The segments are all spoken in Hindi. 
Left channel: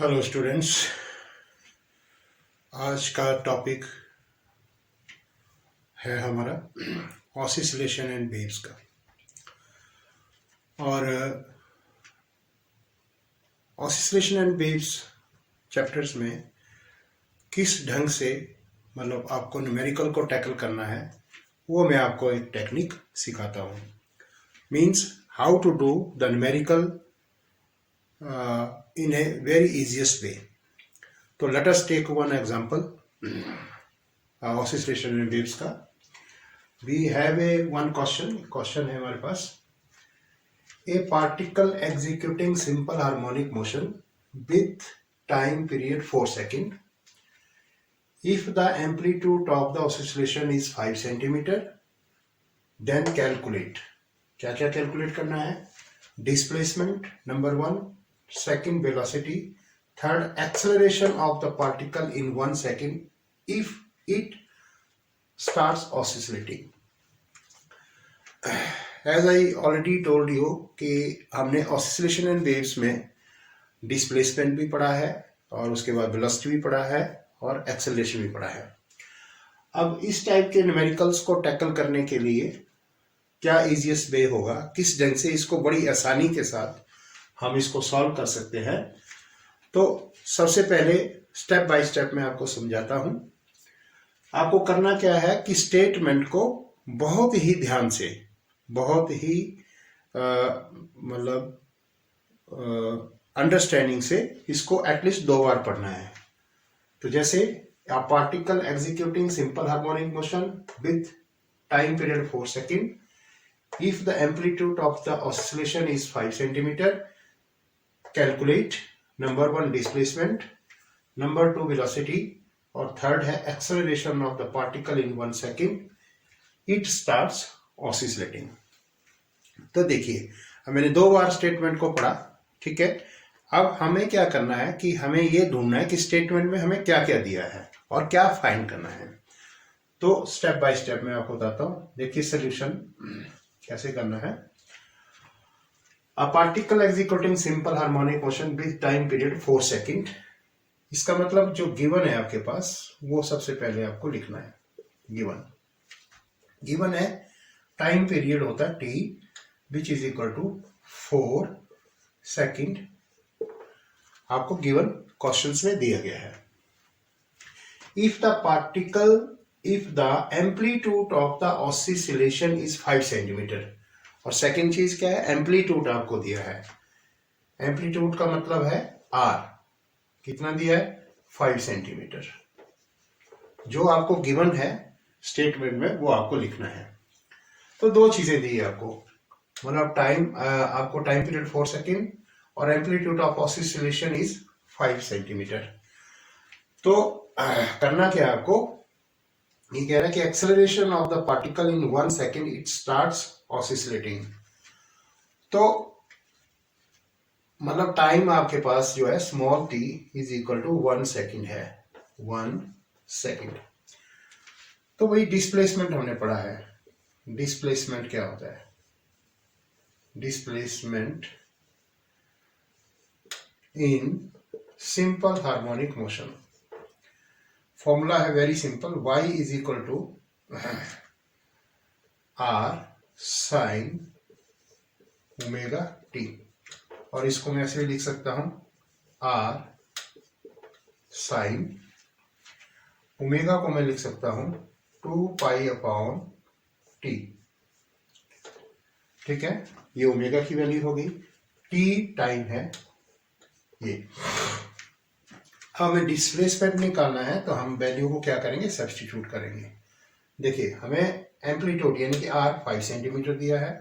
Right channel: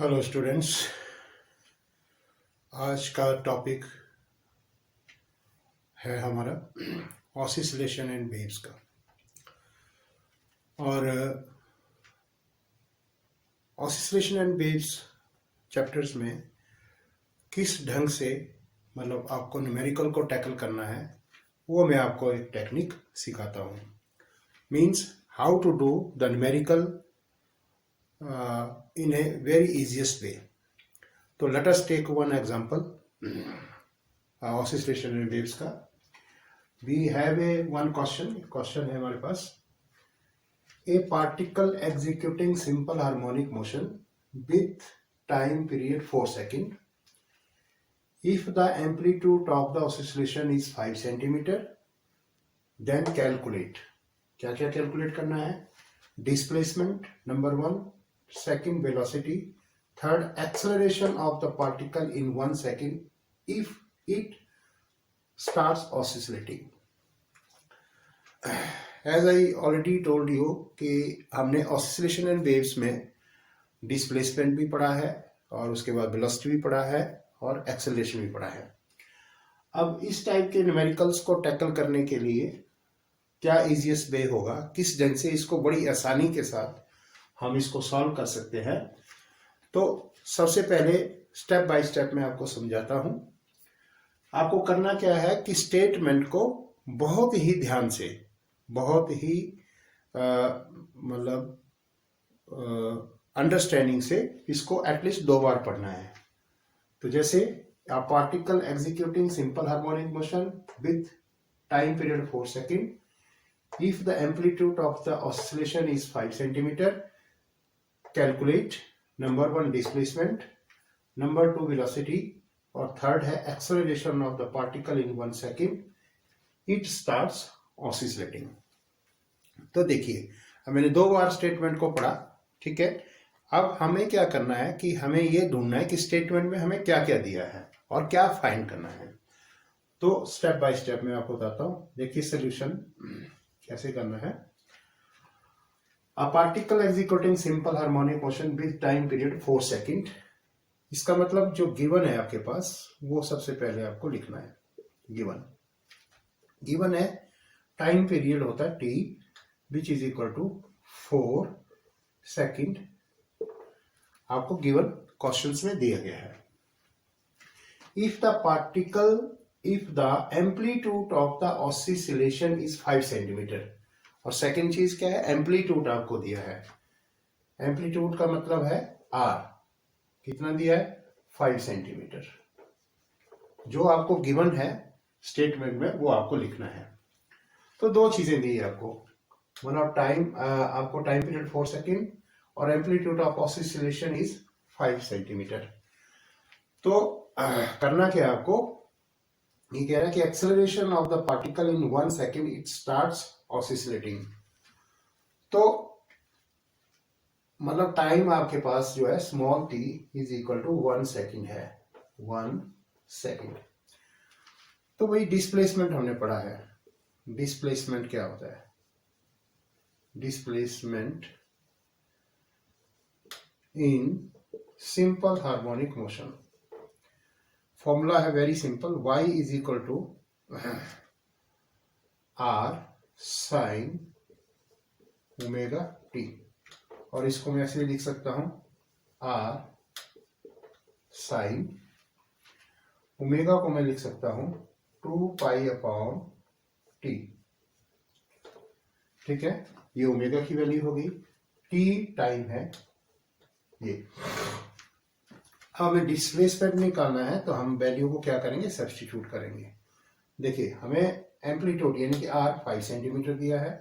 हेलो स्टूडेंट्स, आज का टॉपिक है हमारा ऑसिलेशन एंड वेव्स का। और ऑसिलेशन एंड वेव्स चैप्टर्स में किस ढंग से मतलब आपको न्यूमेरिकल को टैकल करना है वो मैं आपको एक टेक्निक सिखाता हूँ। Means how to do the numerical in a very easiest way. तो let us take one example oscillation and waves का। We have a one question है हमारे पास। A particle executing simple harmonic motion with time period 4 seconds. If the amplitude of the oscillation is 5 centimeter, then calculate. क्या क्या कैलकुलेट करना है? Displacement number 1, second velocity, third acceleration of the particle in 1 second if it starts oscillating. As I already told you कि हमने ऑसिलेशन एंड वेव्स में डिस्प्लेसमेंट भी पढ़ा है और उसके बाद वेलोसिटी भी पढ़ा है और एक्सेलरेशन भी पढ़ा है। अब इस टाइप के न्यूमेरिकल्स को टैकल करने के लिए क्या इजीएस्ट वे होगा, किस ढंग से इसको बड़ी आसानी के साथ हम इसको सॉल्व कर सकते हैं। तो सबसे पहले स्टेप बाय स्टेप मैं आपको समझाता हूं। आपको करना क्या है कि स्टेटमेंट को बहुत ही ध्यान से, बहुत ही मतलब अंडरस्टैंडिंग से इसको एटलीस्ट 2 बार पढ़ना है। तो जैसे a particle executing simple harmonic motion with time period 4 seconds if the amplitude of the oscillation is 5 centimeter, calculate number 1 displacement, number 2 velocity और थर्ड है acceleration of the particle in 1 second, it starts oscillating। तो देखिए, अब मैंने 2 बार स्टेटमेंट को पढ़ा, ठीक है। अब हमें क्या करना है कि हमें ये ढूंढना है कि स्टेटमेंट में हमें क्या क्या दिया है और क्या फाइंड करना है। तो स्टेप बाय स्टेप मैं आपको बताता हूं। देखिए सोल्यूशन कैसे करना है। A particle executing simple harmonic motion with time period 4 second. इसका मतलब जो गिवन है आपके पास वो सबसे पहले आपको लिखना है। गिवन है टाइम पीरियड होता है T which is equal to 4 second. आपको गिवन क्वेश्चंस में दिया गया है। If the amplitude of the oscillation is 5 centimetre. और सेकंड चीज क्या है, एम्पलीट्यूड आपको दिया है। एम्पलीट्यूड का मतलब है आर, कितना दिया है 5 सेंटीमीटर। जो आपको गिवन है स्टेटमेंट में वो आपको लिखना है। तो 2 चीजें दी है आपको, मतलब आपको टाइम पीरियड 4 सेकेंड और amplitude of oscillation is 5 centimetre. तो करना क्या है आपको, ये कह रहा है कि acceleration of the particle in 1 second it starts oscillating. तो मतलब टाइम आपके पास जो है small t is equal to 1 second है, 1 सेकेंड। तो वही डिस्प्लेसमेंट हमने पढ़ा है। डिस्प्लेसमेंट क्या होता है, displacement in simple harmonic motion. Formula है very simple, y is equal to R sine omega T. और इसको मैं ऐसे लिख सकता हूं आर साइन ओमेगा को मैं लिख सकता हूं 2 पाई अपॉन टी, ठीक है। ये ओमेगा की वैल्यू होगी, टी टाइम है ये। हमें डिस्प्लेसमेंट निकालना है तो हम वैल्यू को क्या करेंगे, सब्स्टिट्यूट करेंगे। देखिए हमें एम्पलीट्यूड यानी कि आर 5 सेंटीमीटर दिया है,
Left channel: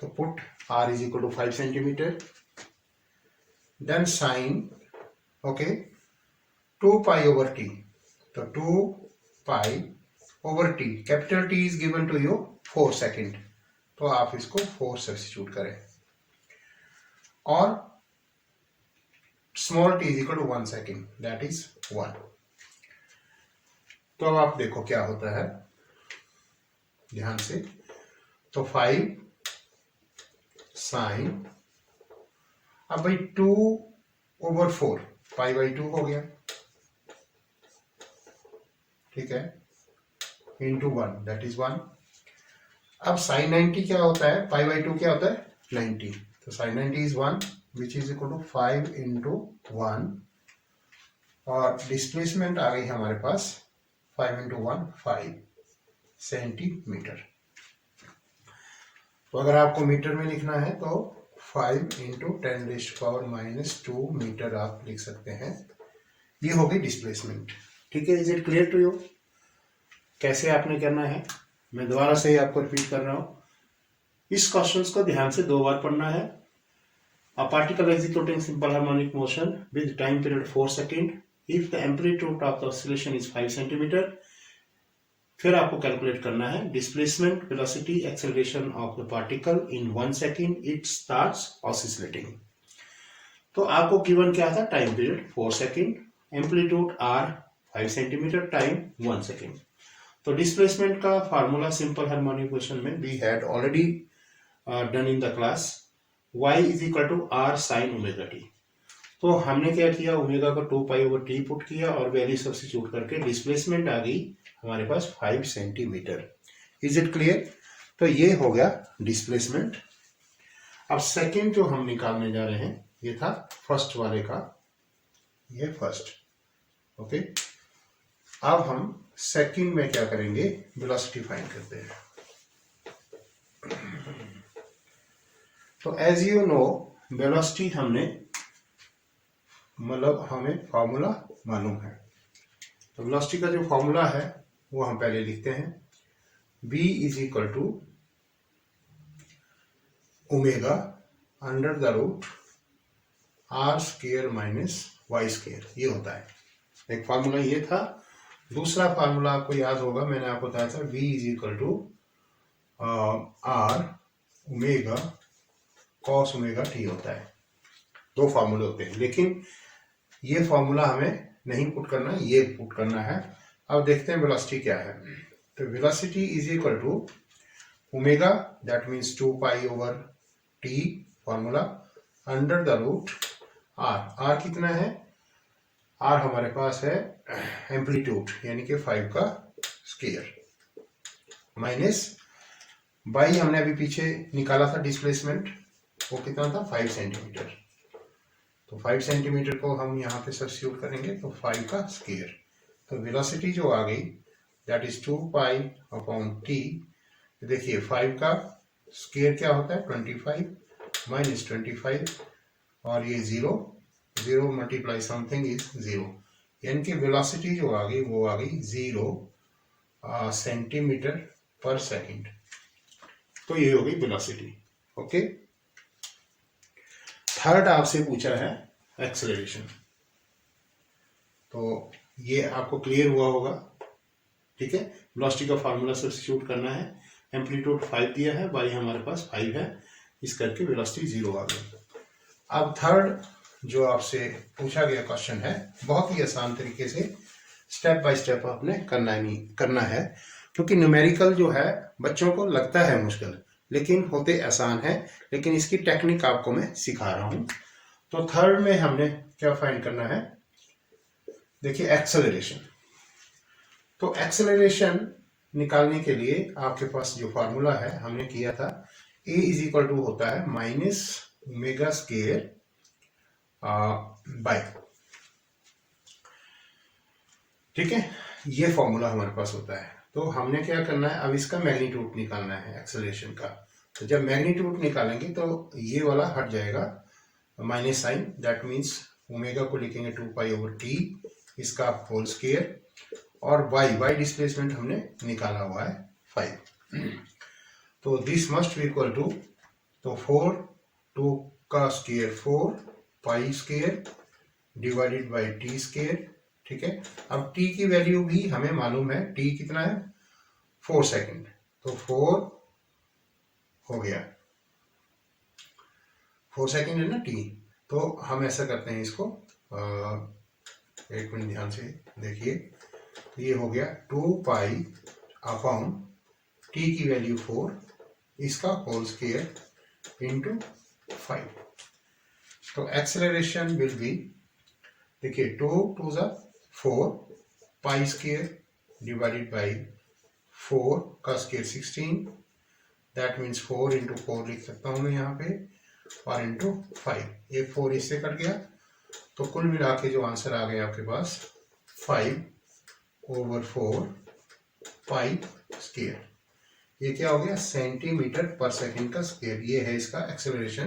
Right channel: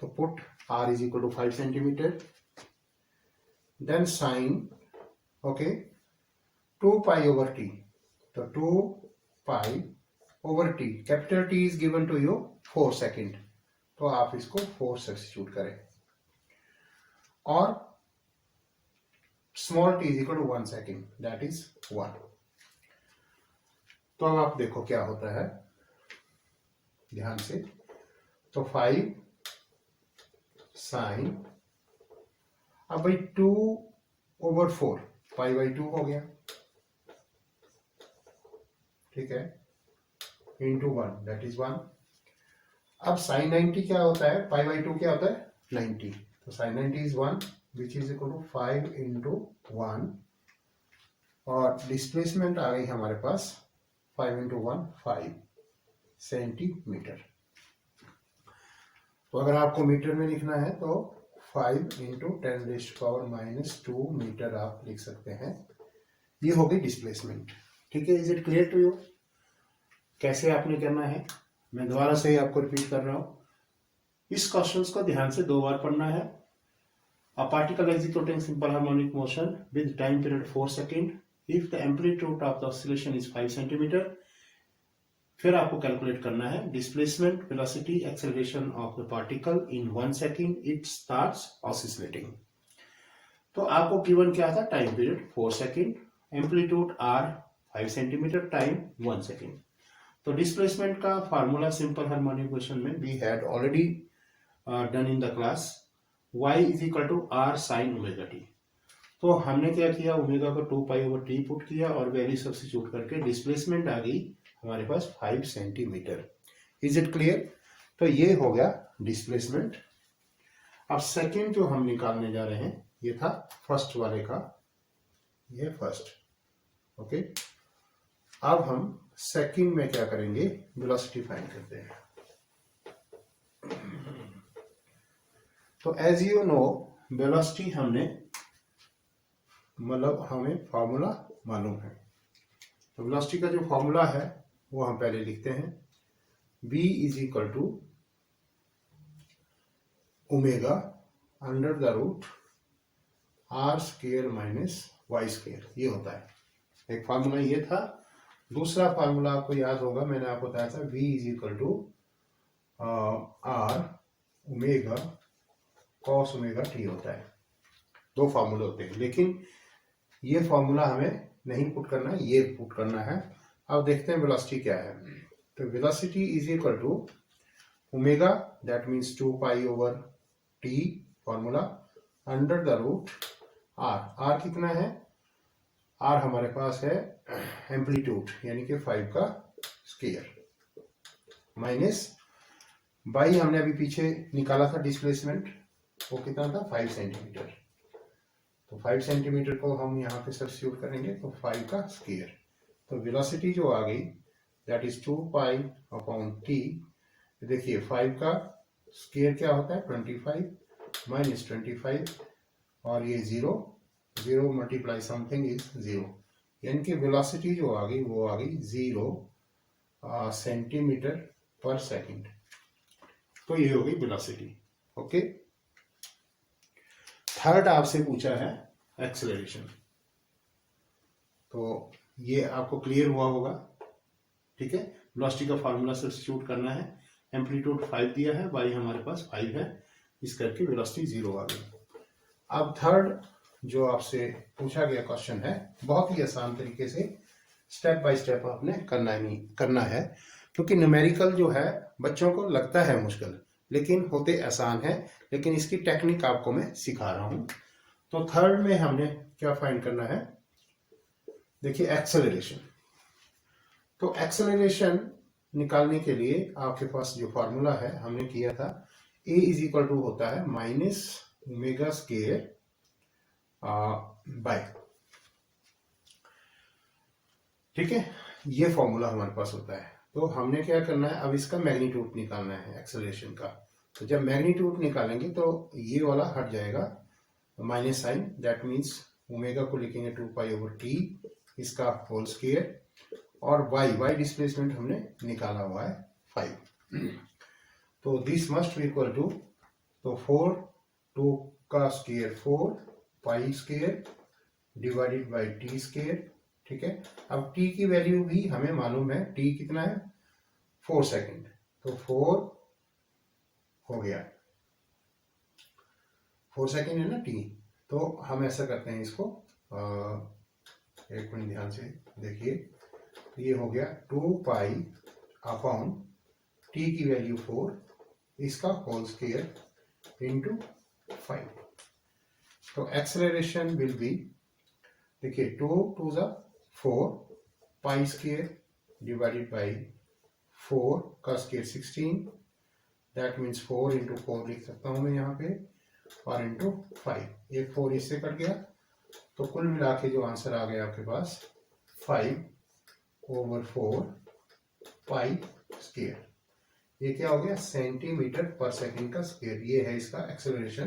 तो put R is equal to 5 centimetre, then sine okay 2 pi over T. तो 2 pi over T, capital T is given to you 4 second, तो आप इसको 4 सब्स्टिट्यूट करें और small t is equal to 1 second, that is 1। तो अब आप देखो क्या होता है ध्यान से। तो 5 साइन, अब भाई 2 ओवर 4 पाई बाई 2 हो गया, ठीक है, इंटू 1 दैट इज 1। अब साइन 90 क्या होता है, पाई बाई 2 क्या होता है 90, तो sine 90 is 1 which is equal to 5 into 1, और डिस्प्लेसमेंट आ गई हमारे पास 5 इंटू 1 5 सेंटीमीटर। तो अगर आपको मीटर में लिखना है तो 5 इंटू 10⁻⁻² मीटर आप लिख सकते हैं। ये होगी डिस्प्लेसमेंट, ठीक है। Is it clear to you? कैसे आपने करना है, मैं दोबारा से ही आपको रिपीट कर रहा हूं। इस क्वेश्चन को ध्यान से 2 बार पढ़ना है। A particle executing simple harmonic motion with time period 4 second if the amplitude of the oscillation is 5 centimetre. फिर आपको कैलकुलेट करना है displacement, velocity, acceleration of the particle in 1 second it starts oscillating. तो आपको गिवन क्या था, time period 4 second, amplitude R 5 centimetre, time 1 second. तो डिस्प्लेसमेंट का फार्मूला सिंपल हार्मोनिक मोशन में we had already done in the class, y is equal to R sine omega t. तो हमने क्या किया, ओमेगा को 2 पाई ओवर टी पुट किया और वैल्यू सब्स्टिट्यूट करके डिस्प्लेसमेंट आ गई हमारे पास 5 सेंटीमीटर। Is it clear? तो ये हो गया डिस्प्लेसमेंट। अब सेकेंड जो हम निकालने जा रहे हैं, ये था फर्स्ट वाले का, ये फर्स्ट, ओके। अब हम सेकेंड में क्या करेंगे, वेलोसिटी फाइंड करते हैं। तो एज यू नो वेलोसिटी हमने, मतलब हमें फॉर्मूला मालूम है। तो वेलोसिटी का जो फॉर्मूला है वो हम पहले लिखते हैं, v is equal to omega under the root R square minus y square, ये होता है। एक फार्मूला ये था। दूसरा फार्मूला आपको याद होगा, मैंने आपको बताया था v is equal to R omega cos omega t होता है। 2 फार्मूले होते हैं, लेकिन ये फार्मूला हमें नहीं पुट करना, ये पुट करना है। अब देखते हैं वेलोसिटी क्या है। तो velocity is equal to omega that means 2 pi over T formula under the root R. R कितना है, आर हमारे पास है एम्पलीट्यूड यानी कि 5 का स्क्वायर, माइनस बाई हमने अभी पीछे निकाला था डिस्प्लेसमेंट, वो कितना था 5 सेंटीमीटर। तो 5 सेंटीमीटर को हम यहाँ पे सब्स्टिट्यूट करेंगे तो 5 का स्क्वायर। तो वेलोसिटी जो आ गई that is 2 pi upon T. देखिए 5 का स्क्वायर क्या होता है 25 माइनस 25, और ये 0 मल्टीप्लाई समथिंग इज 0, यानी कि वेलोसिटी जो आ गई वो आ गई 0 सेंटीमीटर पर सेकेंड। तो ये होगी वेलोसिटी, ओके। थर्ड आपसे पूछा है एक्सेलरेशन, तो ये आपको क्लियर हुआ होगा, ठीक है। वेलोसिटी का फार्मूला सब्स्टिट्यूट करना है, एम्पलीट्यूड 5 दिया है, बाई हमारे पास 5 है, इस करके वेलोसिटी 0 आ गई। अब थर्ड जो आपसे पूछा गया क्वेश्चन है, बहुत ही आसान तरीके से स्टेप बाय स्टेप आपने करना है, क्योंकि न्यूमेरिकल जो है बच्चों को लगता है मुश्किल, लेकिन होते आसान है। लेकिन इसकी टेक्निक आपको मैं सिखा रहा हूं। तो थर्ड में हमने क्या फाइंड करना है, देखिए एक्सेलरेशन। तो एक्सेलरेशन निकालने के लिए आपके पास जो फार्मूला है हमने किया था, a इज इक्वल टू होता है माइनस ओमेगा स्क्वायर बाय, ठीक है, ये फॉर्मूला हमारे पास होता है। तो हमने क्या करना है, अब इसका मैग्नीट्यूड निकालना है एक्सेलरेशन का। तो जब मैग्नीट्यूड निकालेंगे तो ये वाला हट जाएगा, minus sign, that means omega को लिखेंगे 2 पाई ओवर टी, इसका होल स्क्वायर, और y डिस्प्लेसमेंट हमने निकाला हुआ है 5। तो this must be equal to, तो 4 2 का square 4 pi square divided by T square, ठीक है। अब t की वैल्यू भी हमें मालूम है, t कितना है 4 सेकेंड, तो 4 हो गया, 4 सेकेंड है ना t। तो हम ऐसा करते हैं इसको, एक मिनट ध्यान से देखिए, तो ये हो गया 2 पाई अपॉन t की वैल्यू 4, इसका होल स्क्वायर इंटू 5। तो एक्सेलरेशन विल बी देखिए 2 2 ज़ा 4 पाई स्क्वायर डिवाइडेड बाई 4 का स्क्वायर 16, दैट मीन्स 4 इंटू 4 लिख सकता हूँ मैं यहाँ पे, और इंटू 5, ये 4 इससे कट गया, तो कुल मिला के जो आंसर आ गया आपके पास 5/4 पाई स्क्वायर। ये क्या हो गया, सेंटीमीटर पर सेकंड का स्क्वायर, ये है इसका एक्सेलरेशन।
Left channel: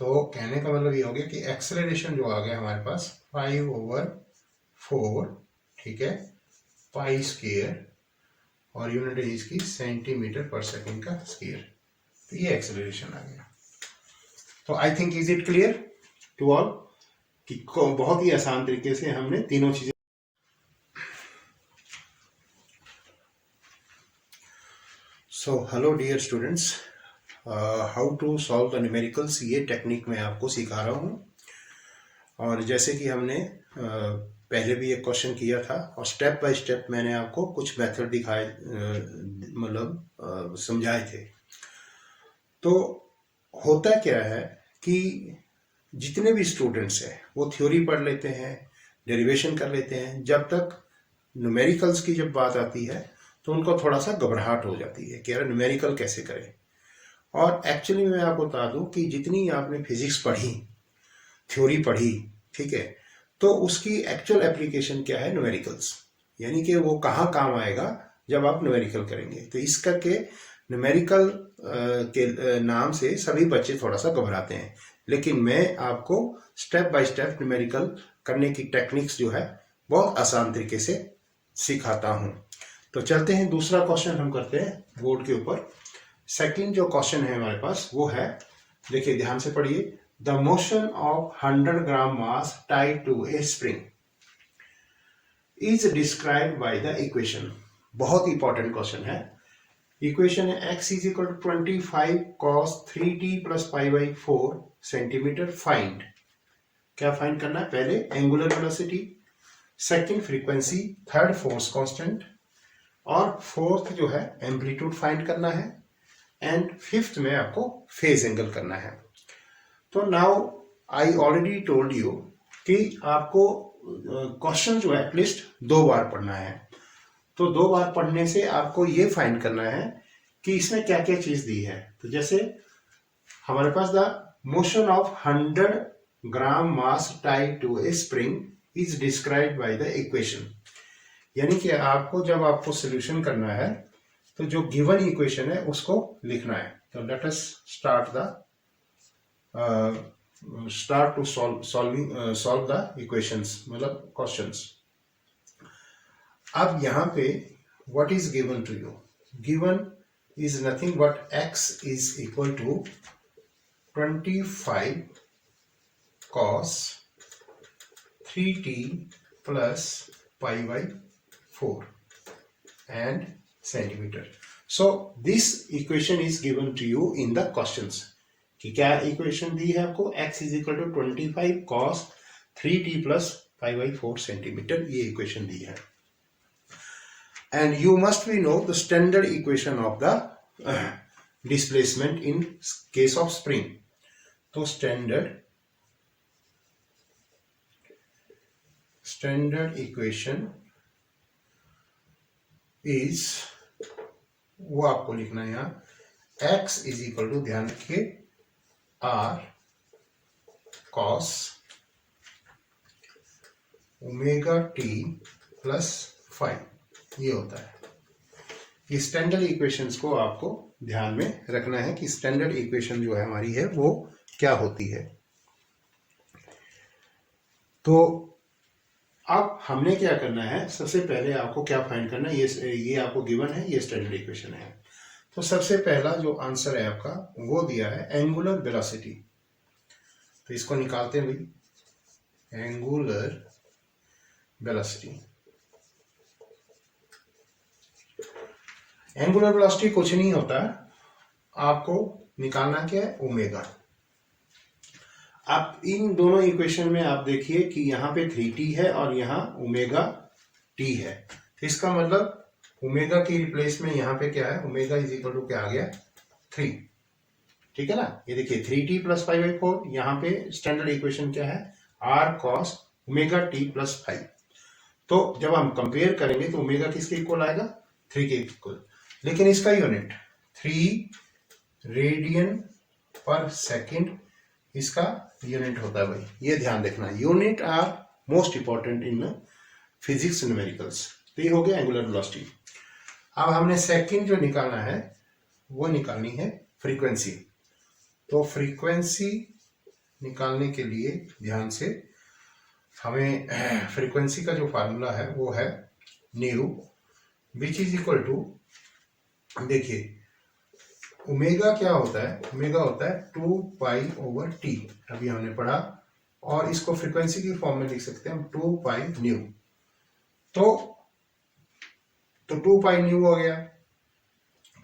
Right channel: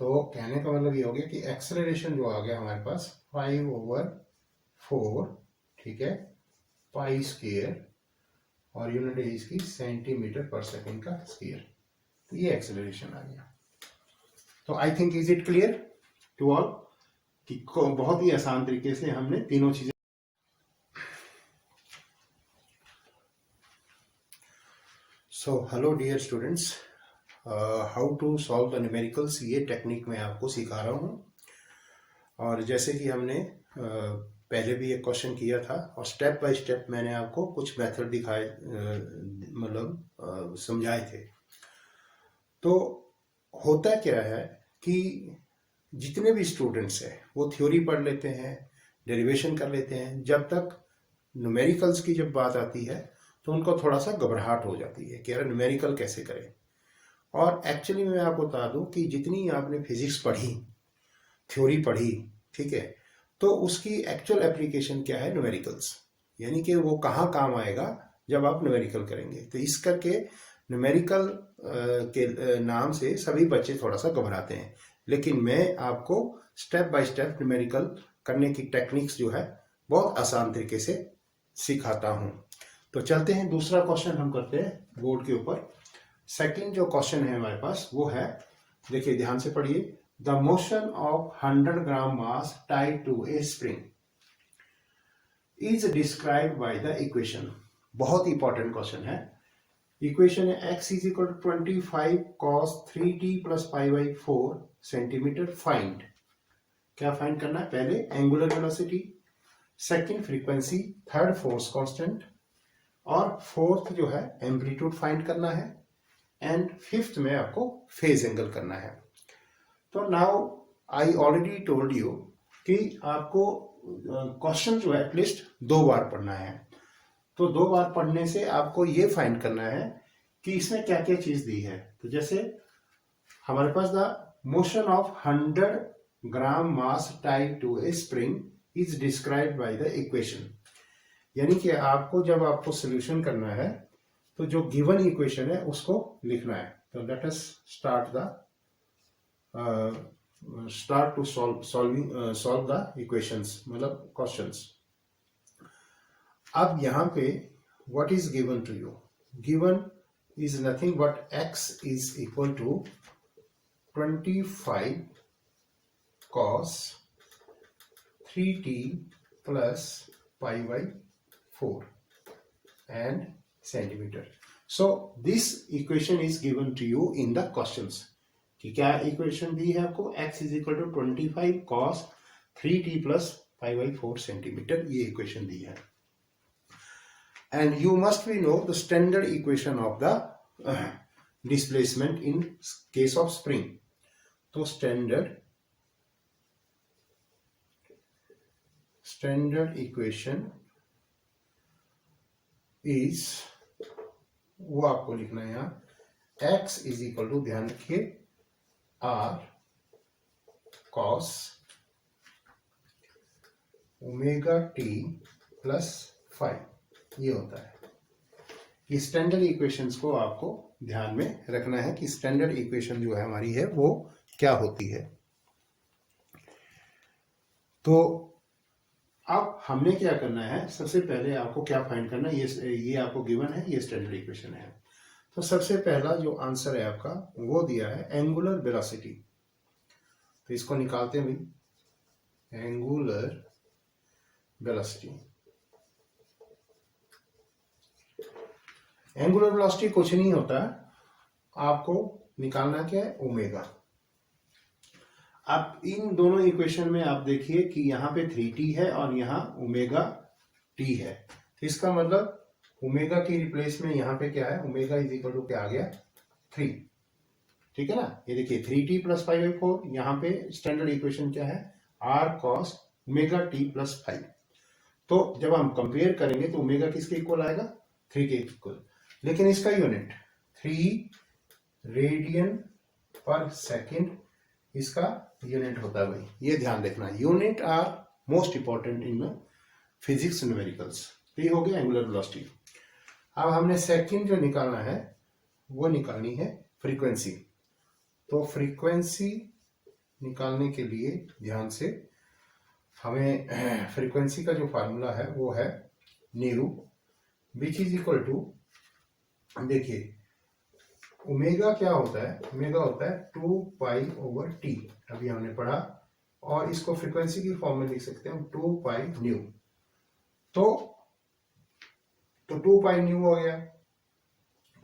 तो कहने का मतलब ये हो गया कि एक्सेलरेशन जो आ गया हमारे पास 5/4, ठीक है, पाई स्क्वायर, और यूनिट है इसकी सेंटीमीटर पर सेकंड का स्क्वायर। तो ये एक्सेलरेशन आ गया। तो I think is it clear to all कि बहुत ही आसान तरीके से हमने तीनों चीजें। So hello dear students, how to solve the numericals, ये टेक्निक मैं आपको सिखा रहा हूँ। और जैसे कि हमने पहले भी एक क्वेश्चन किया था, और स्टेप बाय स्टेप मैंने आपको कुछ मेथड दिखाए, मतलब समझाए थे। तो होता क्या है कि जितने भी स्टूडेंट्स हैं वो थ्योरी पढ़ लेते हैं, डेरिवेशन कर लेते हैं, जब तक न्यूमेरिकल्स की जब बात आती है तो उनको थोड़ा सा घबराहट हो जाती है कि यार न्यूमेरिकल कैसे करें। और एक्चुअली मैं आपको बता दूं कि जितनी आपने फिजिक्स पढ़ी, थ्योरी पढ़ी, ठीक है, तो उसकी एक्चुअल एप्लीकेशन क्या है, न्यूमेरिकल्स, यानी कि वो कहाँ काम आएगा जब आप न्यूमेरिकल करेंगे। तो इस करके न्यूमेरिकल के नाम से सभी बच्चे थोड़ा सा घबराते हैं, लेकिन मैं आपको स्टेप बाय स्टेप न्यूमेरिकल करने की टेक्निक्स जो है बहुत आसान तरीके से सिखाता हूं। तो चलते हैं, दूसरा क्वेश्चन हम करते हैं बोर्ड के ऊपर। सेकंड जो क्वेश्चन है हमारे पास वो है, देखिए ध्यान से पढ़िए, the motion of 100 gram mass tied to a spring is described by the equation. बहुत इंपॉर्टेंट क्वेश्चन है। इक्वेशन है x is equal to 25 cos 3t plus π/4 centimetre. Find, क्या फाइंड करना है, पहले angular velocity, second frequency, third force constant, और फोर्थ जो है एम्पलीट्यूड फाइंड करना है, एंड फिफ्थ में आपको फेज एंगल करना है। तो now I already told you कि आपको क्वेश्चन जो है एटलीस्ट 2 बार पढ़ना है। तो 2 बार पढ़ने से आपको ये फाइंड करना है कि इसमें क्या क्या चीज दी है। तो जैसे हमारे पास the motion of 100 gram mass tied to a spring is described by the equation, यानी कि आपको जब आपको सॉल्यूशन करना है तो जो गिवन इक्वेशन है उसको लिखना है। तो let us start to solve the equations, मतलब क्वेश्चंस। अब यहाँ पे what is given to you? Given is nothing but x is equal to 25 cos 3t plus π/4 and centimeter. So this equation is given to you in the questions. कि क्या इक्वेशन दी है आपको, x is equal to 25 cos 3t plus π/4 centimetre, ये इक्वेशन दी है। And you must be know the standard equation of the displacement in case of spring. तो standard equation is, वो आपको लिखना है यहाँ, x is equal to, ध्यान रखिए, r cos omega t plus 5, ये होता है। ये स्टैंडर्ड इक्वेशंस को आपको ध्यान में रखना है कि स्टैंडर्ड इक्वेशन जो है हमारी है वो क्या होती है। तो अब हमने क्या करना है, सबसे पहले आपको क्या फाइंड करना है, ये आपको गिवन है, ये स्टैंडर्ड इक्वेशन है। तो सबसे पहला जो आंसर है आपका वो दिया है एंगुलर वेलोसिटी। तो इसको निकालते हैं भाई, एंगुलर वेलोसिटी। एंगुलर वेलोसिटी कुछ नहीं होता, आपको निकालना क्या है, ओमेगा। आप इन दोनों इक्वेशन में आप देखिए कि यहाँ पे 3t है और यहाँ ओमेगा t है। तो इसका मतलब ओमेगा की रिप्लेस में यहाँ पे क्या है, ओमेगा इज इक्वल टू क्या आ गया, 3, ठीक है ना। ये देखिए 3t प्लस π/4, यहाँ पे स्टैंडर्ड इक्वेशन क्या है, r cos omega T plus 5। तो जब हम कंपेयर करेंगे तो ओमेगा किसके इक्वल आएगा, 3 के इक्वल। लेकिन इसका यूनिट 3 रेडियन पर सेकेंड इसका यूनिट होता है भाई, ये ध्यान देखना। Unit are most important in physics numericals. तो ये हो गया एंगुलर वेलोसिटी। अब हमने सेकंड जो निकालना है वो निकालनी है फ्रीक्वेंसी। तो फ्रीक्वेंसी निकालने के लिए ध्यान से हमें फ्रीक्वेंसी का जो फार्मूला है वो है nu, which is equal to, देखिए ओमेगा क्या होता है, ओमेगा होता है 2 पाई ओवर टी, अभी हमने पढ़ा। और इसको फ्रीक्वेंसी की फॉर्म में लिख सकते हैं हम 2 पाई न्यू। तो 2 पाई न्यू हो गया।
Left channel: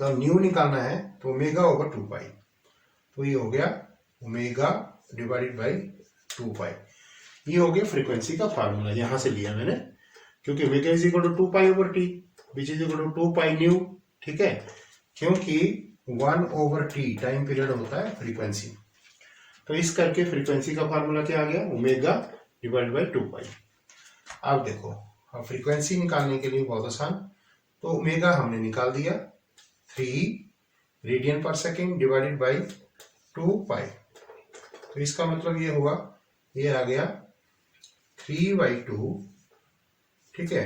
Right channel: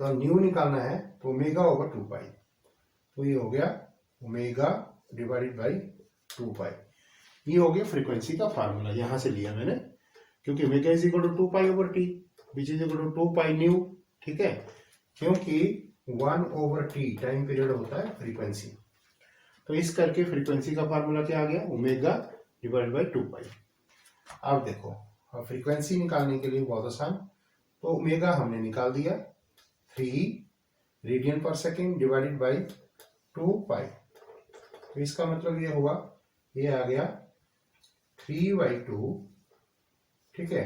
तो न्यू निकालना है तो ओमेगा ओवर 2 पाई, तो ये हो गया ओमेगा डिवाइडेड बाई 2 पाई। ये हो गया फ्रीक्वेंसी का फार्मूला, यहां से लिया मैंने, क्योंकि omega is equal to 2 pi over T which is equal to 2 pi nu. ठीक है, क्योंकि 1 ओवर टी टाइम पीरियड होता है फ्रीक्वेंसी। तो इस करके फ्रीक्वेंसी का फार्मूला क्या आ गया, ओमेगा डिवाइड बाई 2 पाई। अब देखो, अब फ्रीक्वेंसी निकालने के लिए बहुत आसान। तो ओमेगा हमने निकाल दिया 3 radian per second divided by 2 पाई। तो इसका मतलब ये हुआ, ये आ गया 3/2। ठीक है,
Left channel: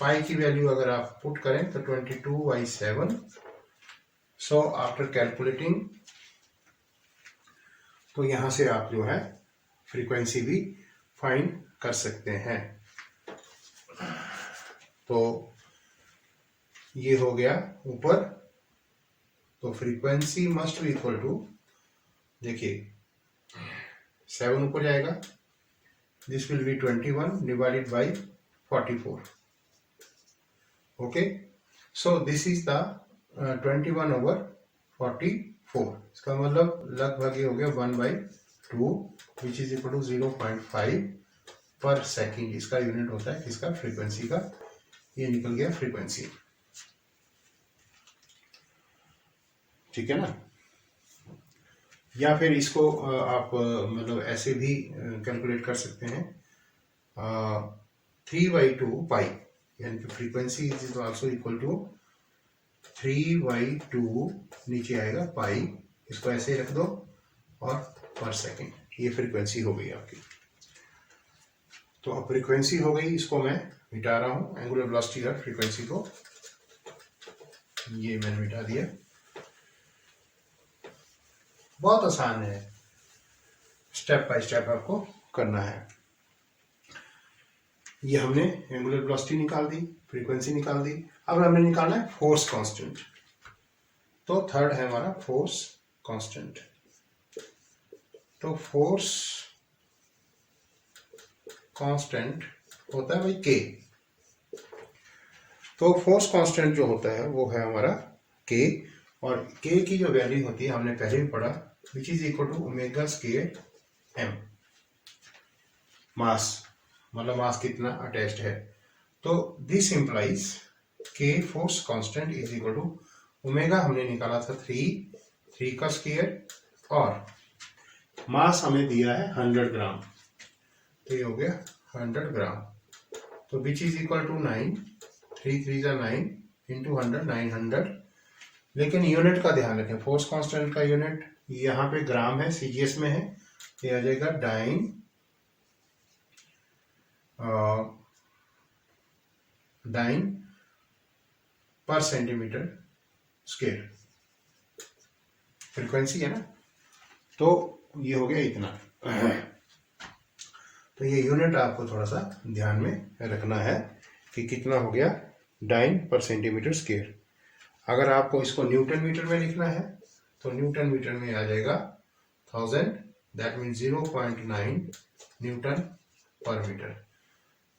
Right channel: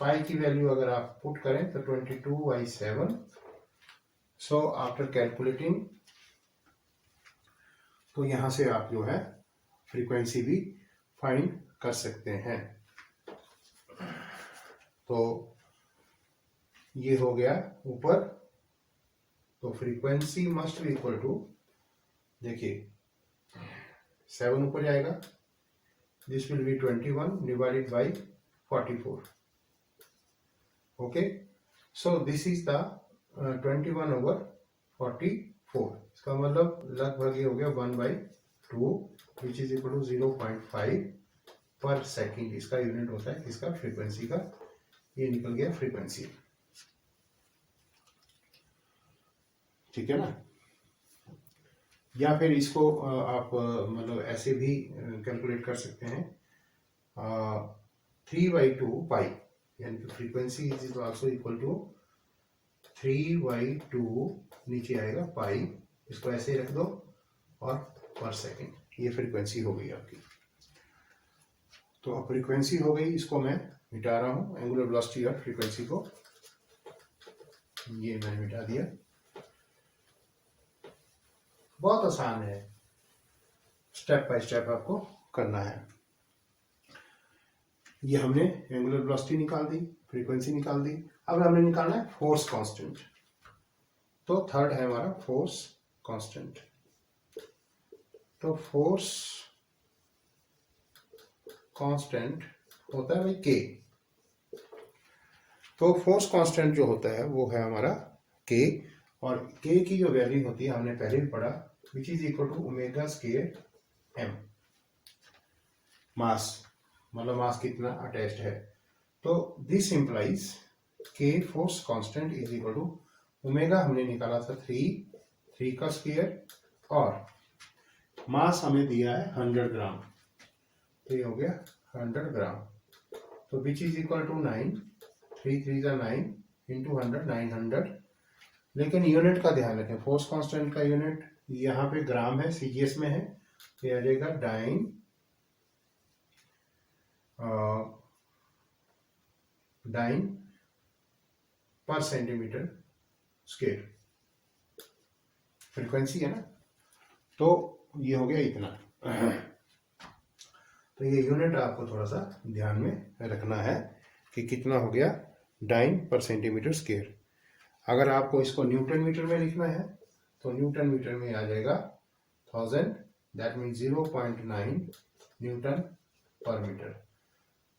पाई की वैल्यू अगर आप पुट करें तो 22/7। सो आफ्टर कैलकुलेटिंग, तो यहां से आप जो है फ्रीक्वेंसी भी फाइंड कर सकते हैं। तो ये हो गया ऊपर। तो frequency must be equal to, देखिए 7 ऊपर जाएगा, this will be 21 divided by 44। Okay, so this is the 21 over 44। इसका मतलब लगभग ये हो गया 1/2 विच इज इक्वल टू 0.5 पर सेकेंड। इसका यूनिट होता है किसका, फ्रीक्वेंसी का। ये निकल गया फ्रीक्वेंसी। ठीक है ना। या फिर इसको आप मतलब ऐसे भी कैलकुलेट कर सकते हैं, 3/2 पाई, यानी कि frequency is also equal to 3/2 नीचे आएगा पाई, इसको ऐसे रख दो और पर सेकेंड। ये फ्रीक्वेंसी हो गई आपकी। तो अब फ्रीक्वेंसी हो गई, इसको मैं मिटा रहा हूं, एंगुलर वेलोसिटी और फ्रीक्वेंसी को ये मैंने मिटा दिया। बहुत आसान है, स्टेप बाय स्टेप आपको करना है। ये हमने एंगुलर वेलोसिटी निकाल दी, फ्रीक्वेंसी निकाल दी। अब हमें निकालना है फोर्स कांस्टेंट। तो थर्ड है हमारा फोर्स कांस्टेंट। तो फोर्स कांस्टेंट होता है भाई के। तो फोर्स कांस्टेंट जो होता है वो है हमारा के, और के की जो वैल्यू होती है हमने पहले भी पढ़ा, which is equal to omega square M. Mass मतलब मास कितना अटैच्ड है। तो this implies K force constant is equal to omega हमने निकाला था 3 का स्क्वायर, और मास हमें दिया है 100 ग्राम। तो ये हो गया 100 ग्राम। तो which is equal to 9, 3 3 9 into 100, 900। लेकिन यूनिट का ध्यान रखें, फोर्स कांस्टेंट का यूनिट यहाँ पे ग्राम है, सीजीएस में है, ये आ जाएगा डाइन पर सेंटीमीटर स्क्वायर फ्रीक्वेंसी है ना। तो ये हो गया इतना। तो ये यूनिट आपको थोड़ा सा ध्यान में रखना है कि कितना हो गया, डाइन पर सेंटीमीटर स्क्वायर। अगर आपको इसको न्यूटन मीटर में लिखना है तो न्यूटन मीटर में आ जाएगा 1000, दैट मीन 0.9 न्यूटन पर मीटर।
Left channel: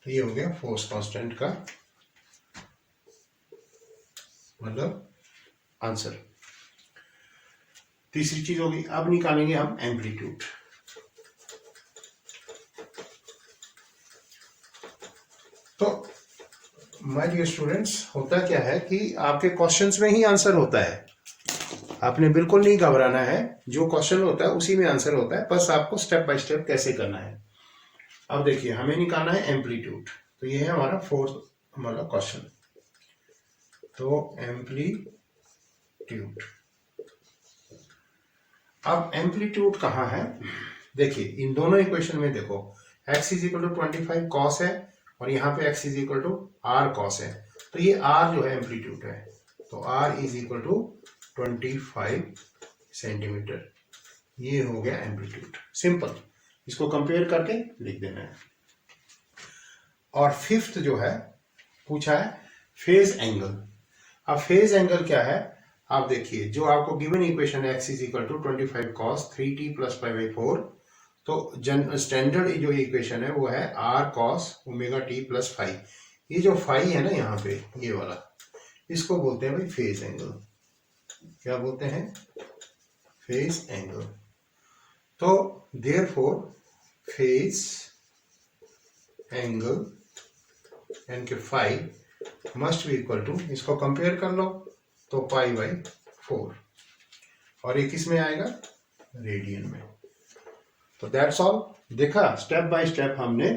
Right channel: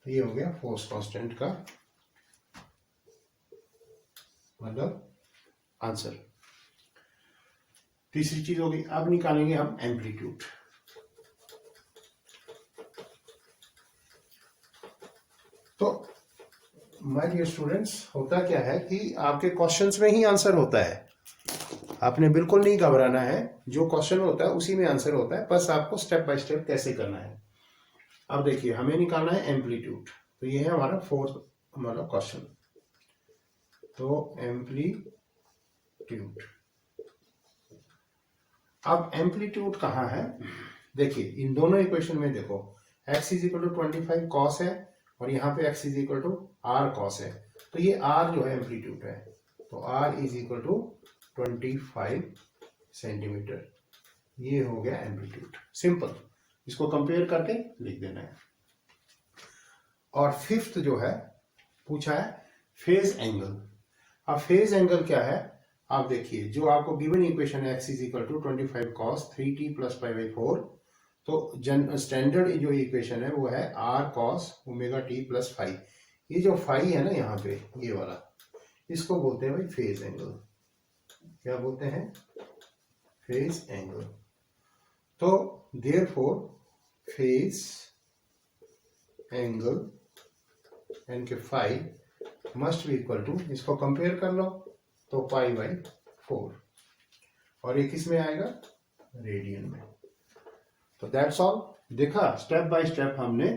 तो ये हो गया फोर्स कांस्टेंट का मतलब आंसर। तीसरी चीज होगी, अब निकालेंगे हम एम्पलीट्यूड। तो माय डियर स्टूडेंट्स, होता क्या है कि आपके क्वेश्चंस में ही आंसर होता है। आपने बिल्कुल नहीं घबराना है, जो क्वेश्चन होता है उसी में आंसर होता है, बस आपको स्टेप बाय स्टेप कैसे करना है। अब देखिए हमें निकालना है एम्पलीट्यूड, तो ये है हमारा फोर्थ हमारा क्वेश्चन। तो एम्पलीट्यूड, अब एम्पलीट्यूड कहाँ है, देखिए इन दोनों इक्वेशन में देखो x is equal to 25 cos है और यहाँ पे x is equal to R cos है, तो ये r जो है एम्पलीट्यूड है, तो r is equal to 25 centimetre, ये हो गया एम्पलीट्यूड। सिंपल, इसको कंपेयर करके लिख देना है। और फिफ्थ जो है पूछा है फेज एंगल। अब फेज एंगल क्या है, आप देखिए जो आपको गिवन इक्वेशन है x is equal to 25 cos 3t plus 5/4, तो स्टैंडर्ड जो इक्वेशन है वो है r cos omega t plus 5। ये जो 5 है ना यहाँ पे ये वाला, इसको बोलते हैं भाई फेज एंगल। क्या बोलते हैं, फेज एंगल। तो देयरफॉर फेज एंगल यानी कि 5 मस्ट बी इक्वल टू, इसको कंपेयर कर लो तो π/4, और ये किस में आएगा, रेडियन में। तो दैट्स ऑल। देखा स्टेप बाय स्टेप हमने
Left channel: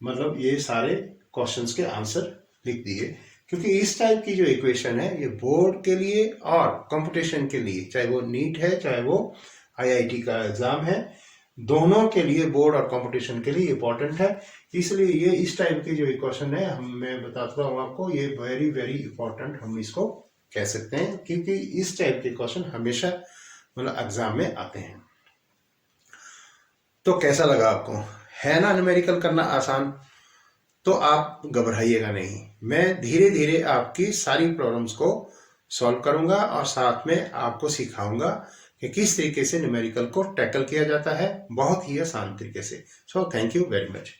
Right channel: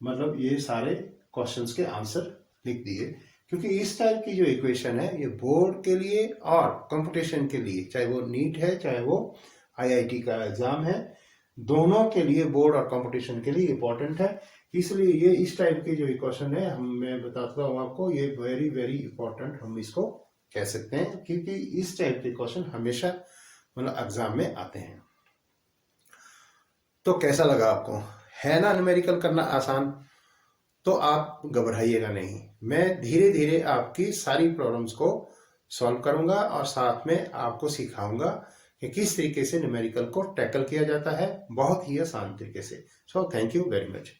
मतलब ये सारे क्वेश्चंस के आंसर लिख दिए, क्योंकि इस टाइप की जो इक्वेशन है ये बोर्ड के लिए और कंपटीशन के लिए, चाहे वो नीट है चाहे वो IIT का एग्जाम है, दोनों के लिए बोर्ड और कंपटीशन के लिए इंपॉर्टेंट है। इसलिए ये इस टाइप के जो इक्वेशन है मैं बताता हूँ आपको, ये वेरी वेरी इंपॉर्टेंट हम इसको कह सकते हैं, क्योंकि इस टाइप के क्वेश्चन हमेशा मतलब एग्जाम में आते हैं। तो कैसा लगा आपको, है ना न्यूमेरिकल करना आसान, तो आप घबराइएगा नहीं, मैं धीरे धीरे आपकी सारी प्रॉब्लम्स को सॉल्व करूंगा और साथ में आपको सिखाऊंगा कि किस तरीके से न्यूमेरिकल को टैकल किया जाता है, बहुत ही आसान तरीके से। So thank you very much.